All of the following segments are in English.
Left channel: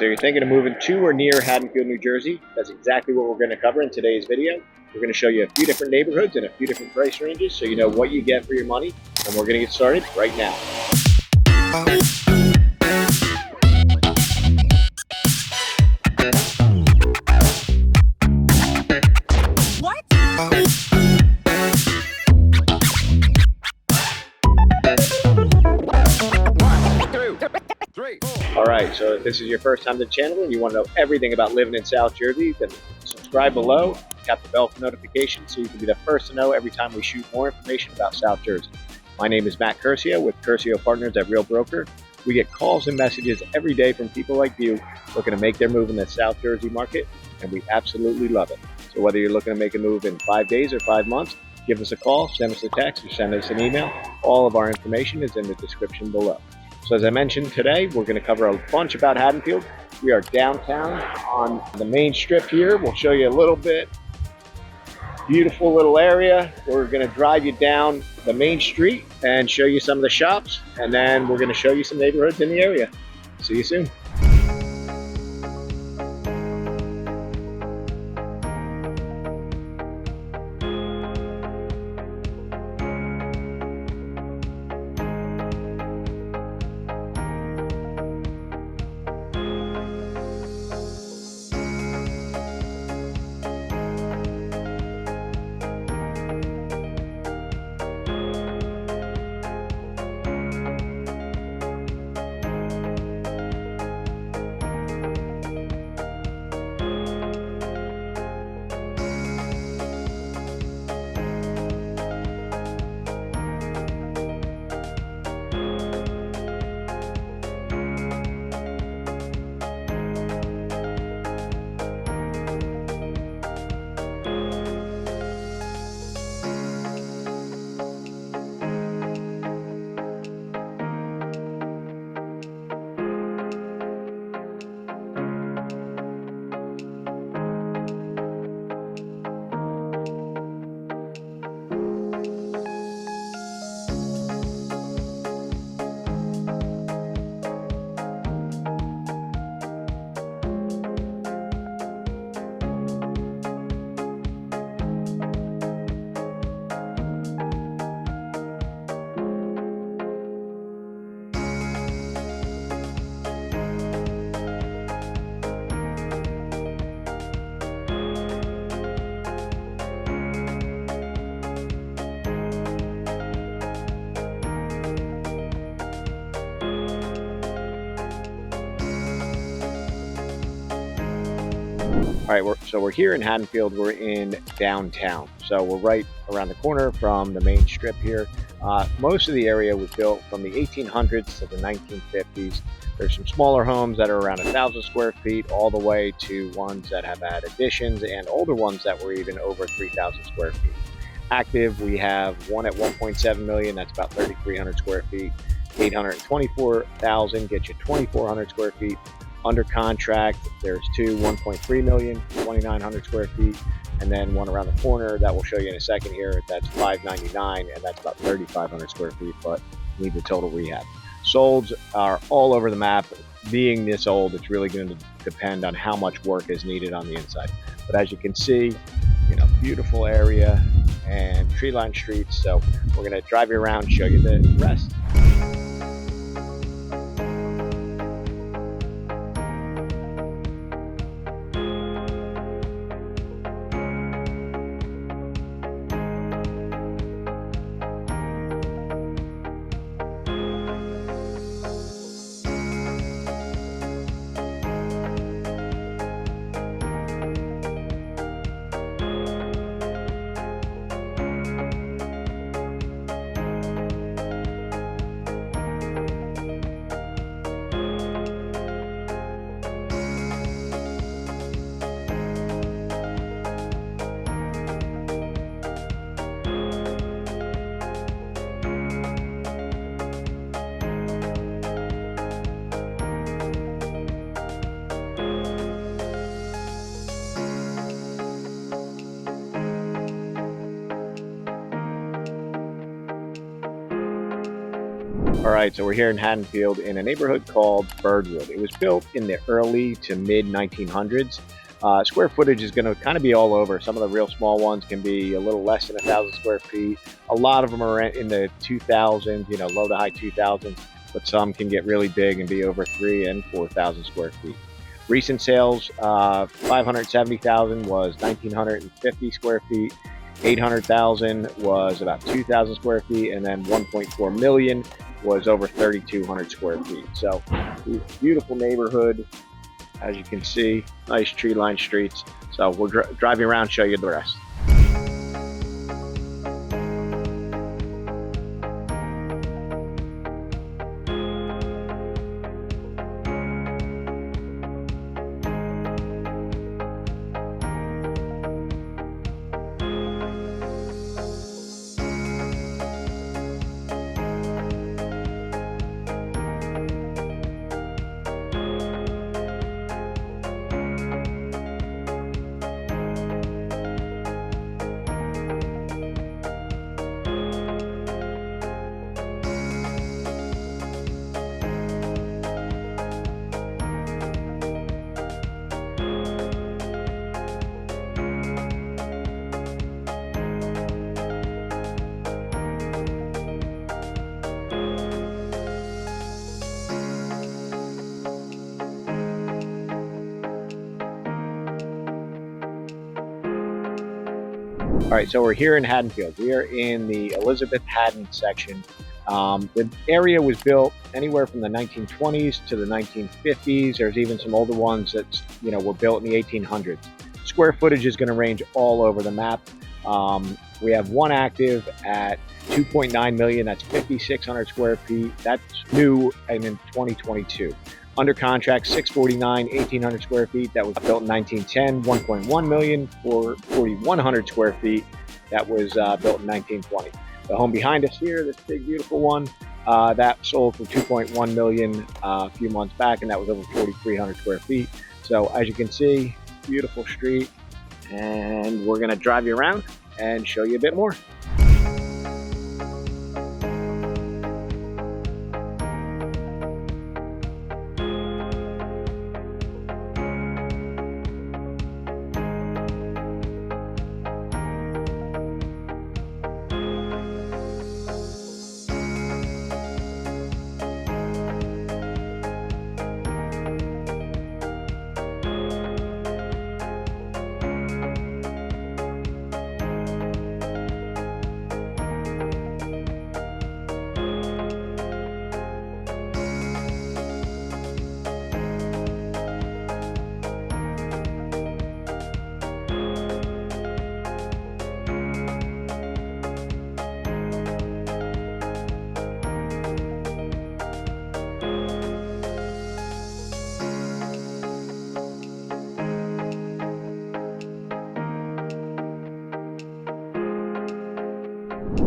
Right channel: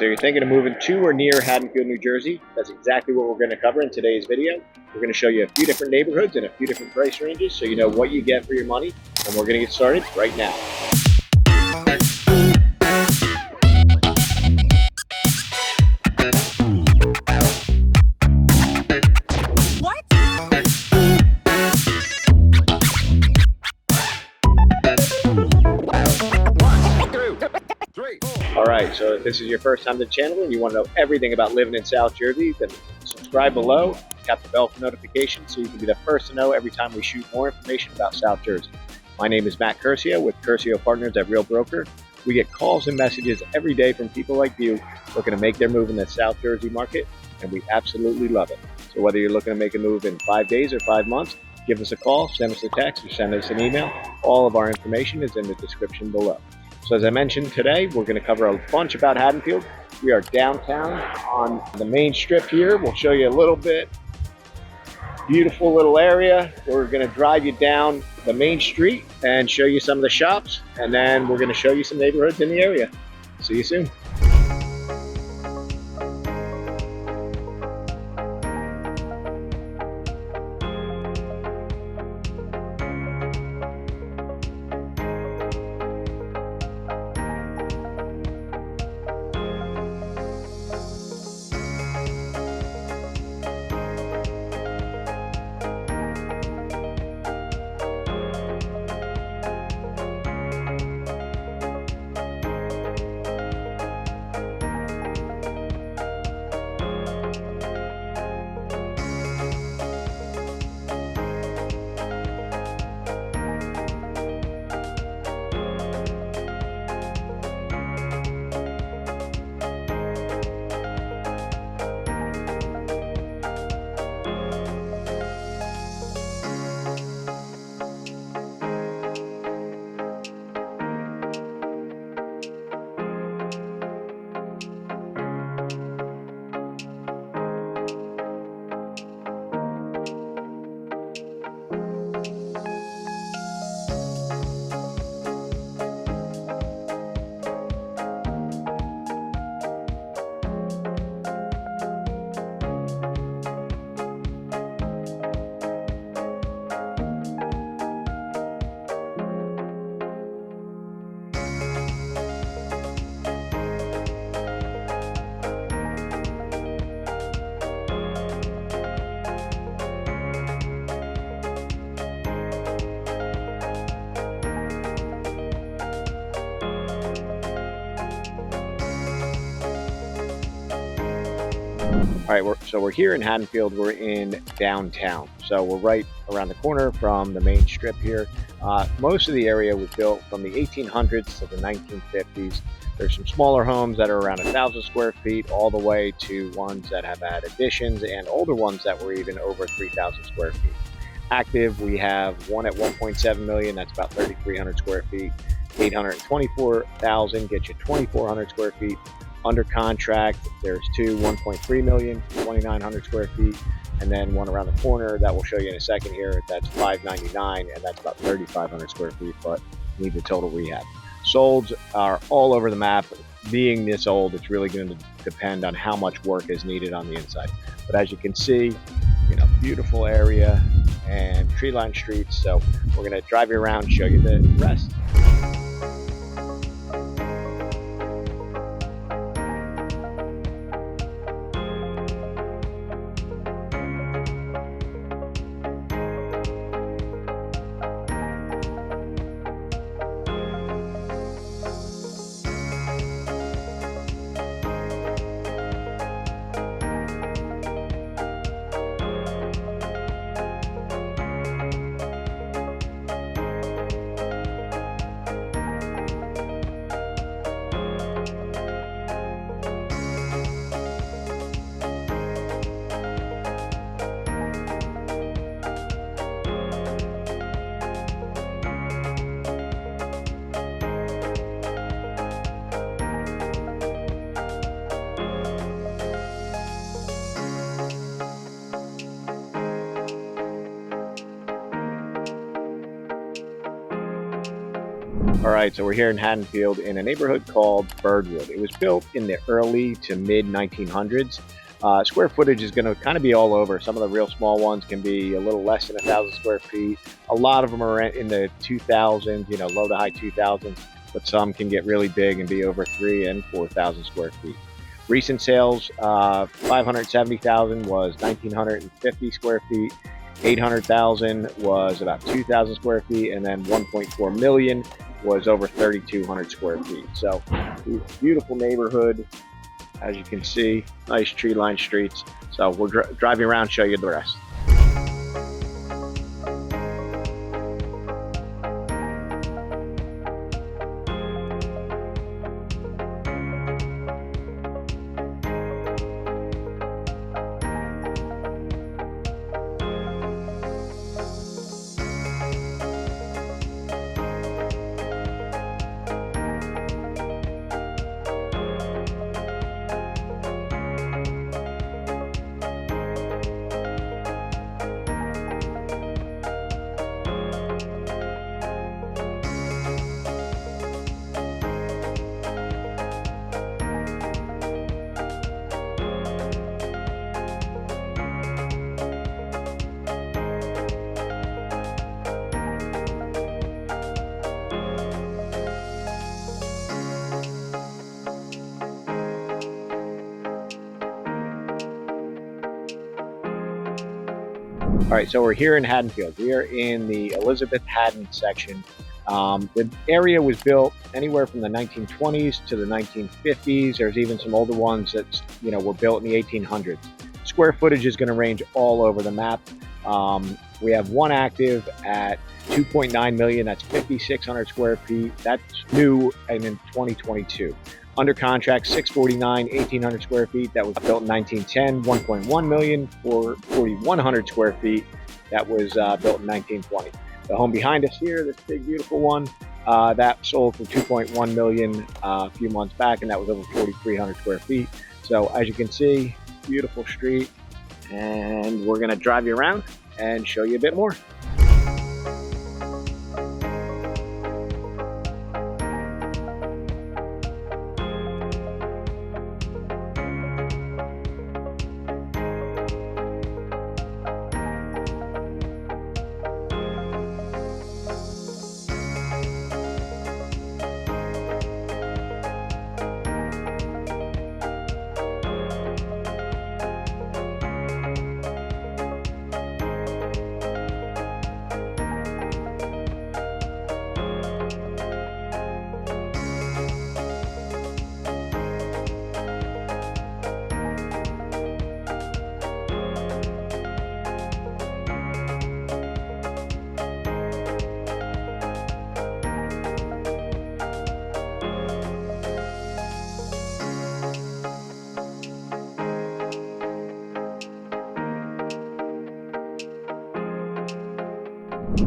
So you're thinking of moving to or near Haddonfield, New Jersey? That's exactly what we're going to cover in today's video. We're going to show you a few different neighborhoods and a few different price ranges so you know what you get for your money. And we're going to get started right now. Alright, so if this is your first time to the channel and you want to know everything about living in South Jersey, then subscribe below, tap the bell for notifications so you can be the first to know every time we shoot more information about South Jersey. My name is Matt Curcio with Curcio Partners at Realtor. We get calls and messages every day from people like you looking to make their move in the South Jersey market, and we absolutely love it. So whether you're looking to make a move in 5 days or 5 months, give us a call, send us a text, or send us an email. All of our information is in the description below. So as I mentioned today, we're going to cover a bunch about Haddonfield. We are downtown on the main strip here. We'll show you a little bit. Beautiful little area. We're going to drive you down the main street and show you some of the shops. And then we're going to show you some neighborhoods in the area. See you soon. All right, so we're here in Haddonfield. We're in downtown. So we're right around the corner from the main strip here. Most of the area was built from the 1800s to the 1950s. There's some smaller homes that are around 1,000 square feet all the way to ones that have had additions and older ones that were even over 3,000 square feet. Active, we have one at 1.7 million. That's about 3,300 square feet. 824,000 gets you 2,400 square feet. Under contract, there's two 1.3 million, 2,900 square feet, and then one around the corner that we'll show you in a second here. That's 599, and that's about 3,500 square feet, but needs a total rehab. Solds are all over the map. Being this old, it's really going to depend on how much work is needed on the inside. But as you can see, beautiful area and tree-lined streets. So we're going to drive you around and show you the rest. All right, so we're here in Haddonfield in a neighborhood called Birdwood. It was built in the early to mid 1900s. Square footage is going to kind of be all over. Some of the real small ones can be a little less than 1,000 square feet. A lot of them are in the 2,000s, low to high 2,000s, but some can get really big and be over 3,000 and 4,000 square feet. Recent sales, 570,000 was 1,950 square feet. 800,000 was about 2,000 square feet, and then 1.4 million was over 3,200 square feet. So beautiful neighborhood, as you can see, nice tree-lined streets. So we'll drive you around, show you the rest. All right, so we're here in Haddonfield. We are in the Elizabeth Haddon section. The area was built anywhere from the 1920s to the 1950s. There's even some older ones that were built in the 1800s. Square footage is going to range all over the map. We have one active at 2.9 million. That's 5,600 square feet. That's new and in 2022. Under contract, 649, 1,800 square feet. That was built in 1910. 1.1 million for 4,100 square feet. That was built in 1920. The home behind us here, this big beautiful one, that sold for 2.1 million a few months back, and that was over 4,300 square feet. So as you can see, beautiful street, and we're going to drive you around and show you a bit more.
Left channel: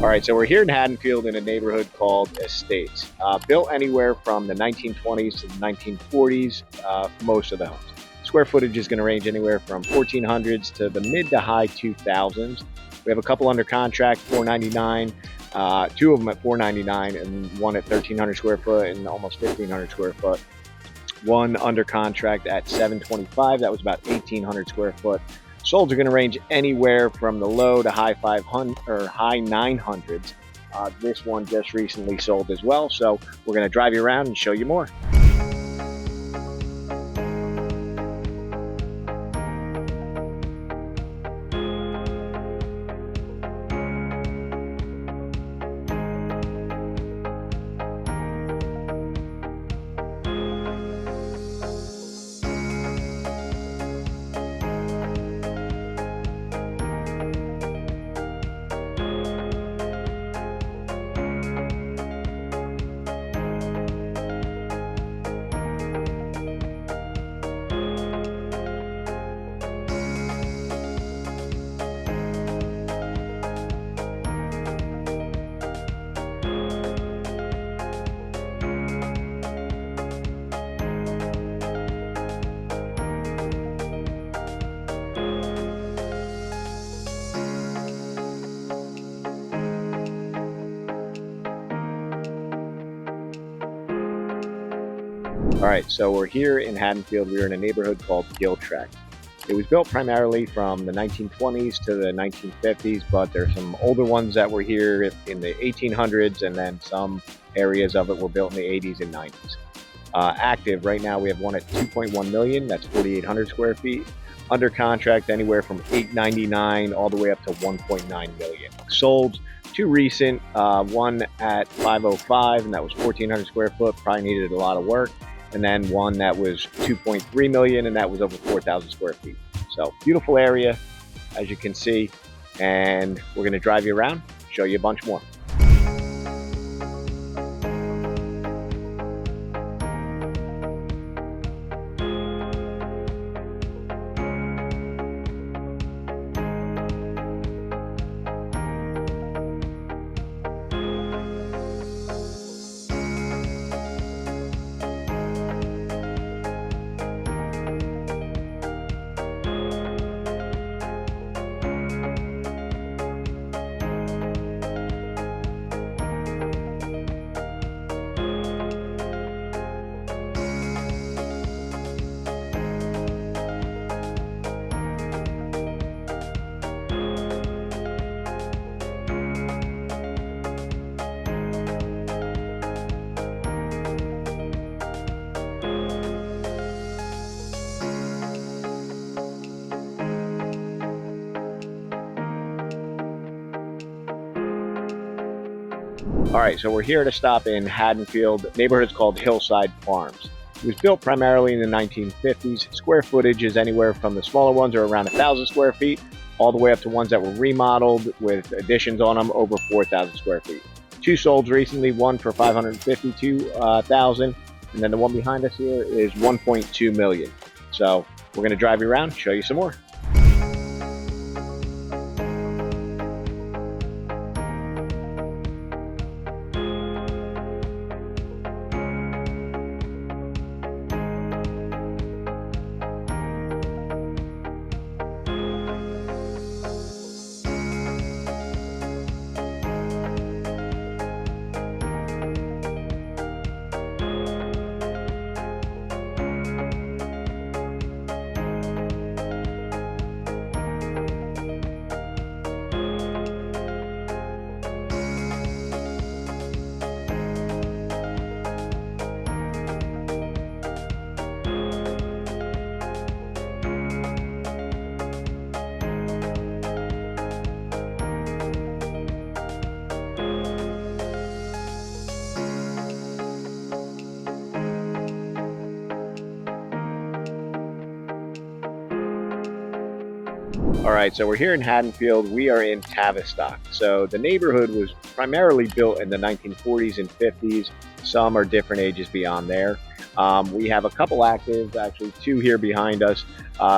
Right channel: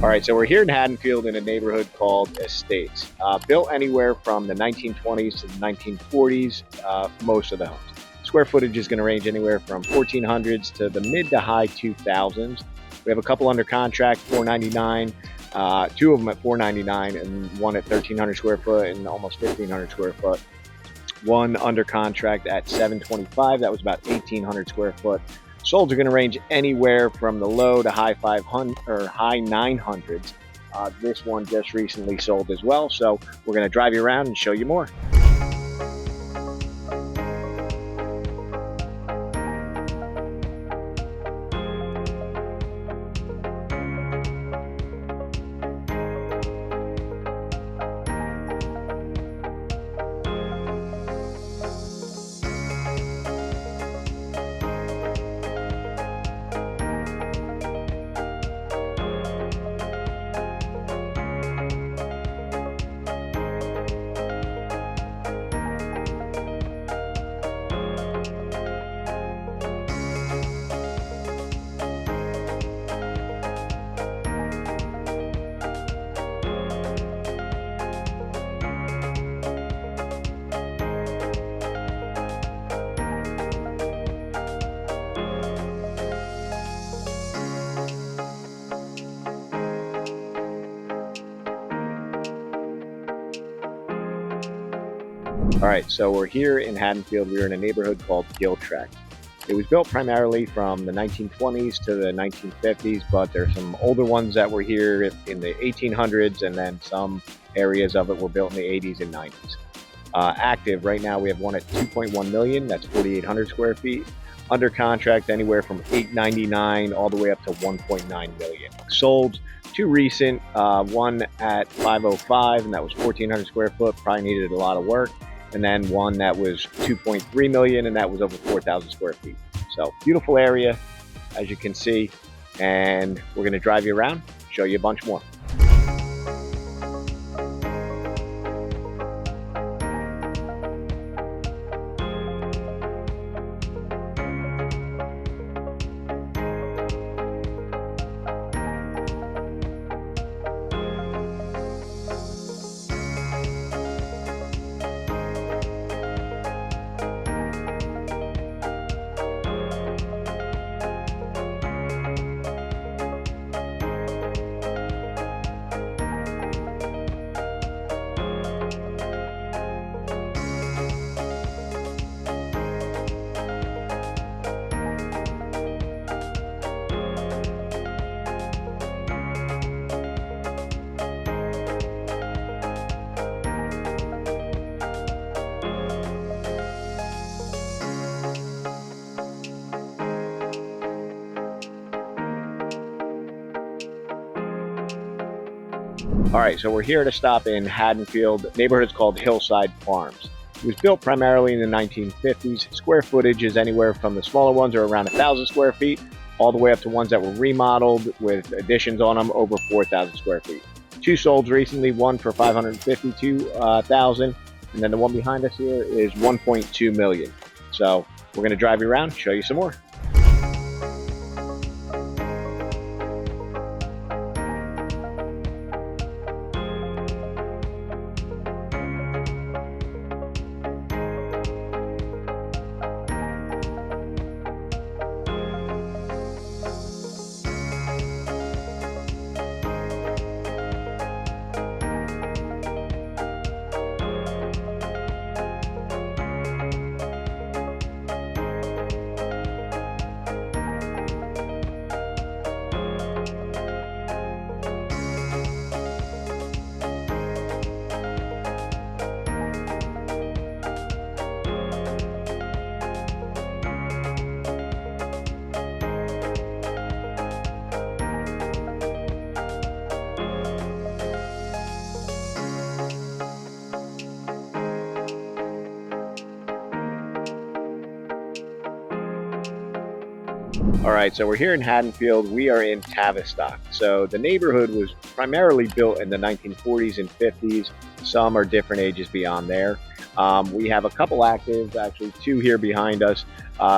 All right, so we're here in Haddonfield in a neighborhood called Estates. Built anywhere from the 1920s to the 1940s, most of the homes. Square footage is going to range anywhere from 1,400s to the mid to high 2,000s. We have a couple under contract, 499, two of them at 499, and one at 1,300 square foot and almost 1,500 square foot. One under contract at 725, that was about 1,800 square foot. Solds are going to range anywhere from the low to high 500 or high 900s. This one just recently sold as well, so we're going to drive you around and show you more. All right, so we're here in Haddonfield. We're in a neighborhood called Gill Tract. It was built primarily from the 1920s to the 1950s, but there's some older ones that were here in the 1800s, and then some areas of it were built in the 80s and 90s. Active right now, we have one at 2.1 million. That's 4,800 square feet. Under contract, anywhere from 899 all the way up to 1.9 million. Sold two recent, one at 505, and that was 1,400 square foot. Probably needed a lot of work. And then one that was 2.3 million, and that was over 4,000 square feet. So beautiful area, as you can see, and we're going to drive you around, show you a bunch more. All right, so we're here to stop in Haddonfield. The neighborhood's called Hillside Farms. It was built primarily in the 1950s. Square footage is anywhere from the smaller ones are around 1,000 square feet, all the way up to ones that were remodeled with additions on them over 4,000 square feet. Two sold recently, one for 552,000, and then the one behind us here is 1.2 million. So we're going to drive you around, show you some more. All right, so we're here in Haddonfield. We are in Tavistock. So the neighborhood was primarily built in the 1940s and 50s. Some are different ages beyond there. We have a couple active, actually two here behind us.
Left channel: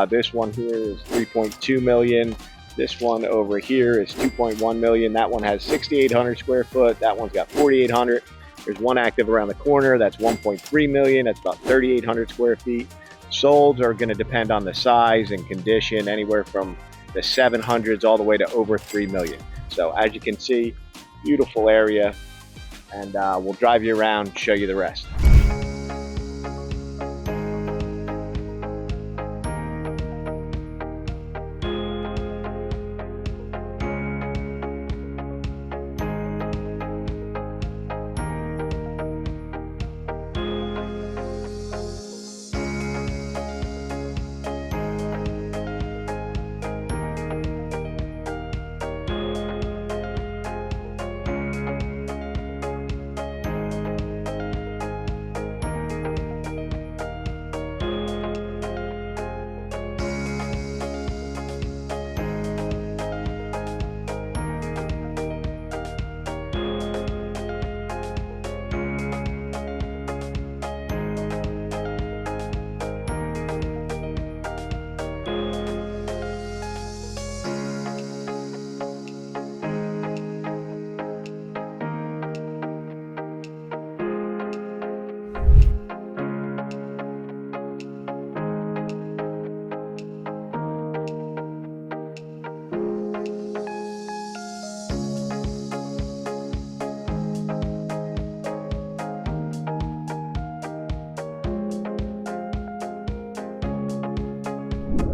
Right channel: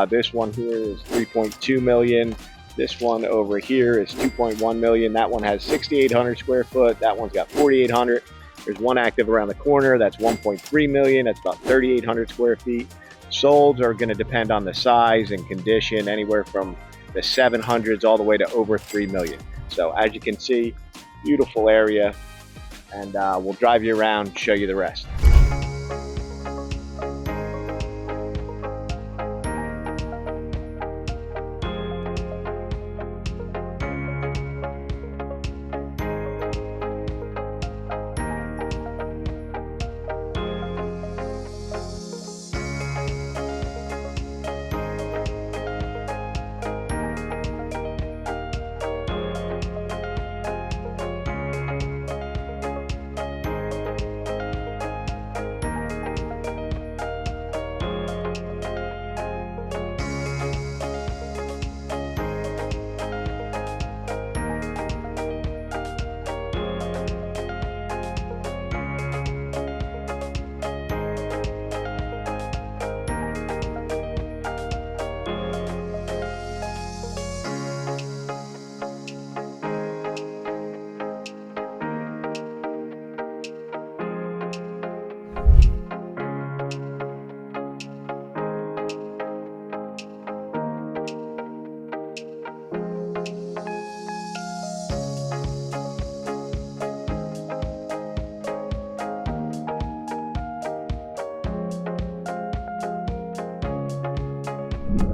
This one here is 3.2 million. This one over here is 2.1 million. That one has 6,800 square foot. That one's got 4,800. There's one active around the corner. That's 1.3 million. That's about 3,800 square feet. Solds are going to depend on the size and condition, anywhere from the 700s all the way to over 3 million. So as you can see, beautiful area, and we'll drive you around, show you the rest.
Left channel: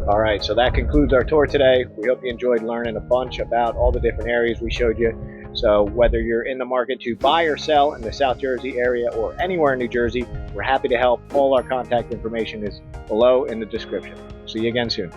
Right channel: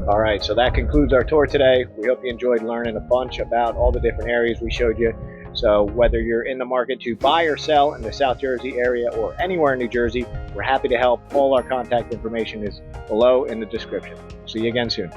All right, so that concludes our tour today. We hope you enjoyed learning a bunch about all the different areas we showed you. So whether you're in the market to buy or sell in the South Jersey area or anywhere in New Jersey, we're happy to help. All our contact information is below in the description. See you again soon.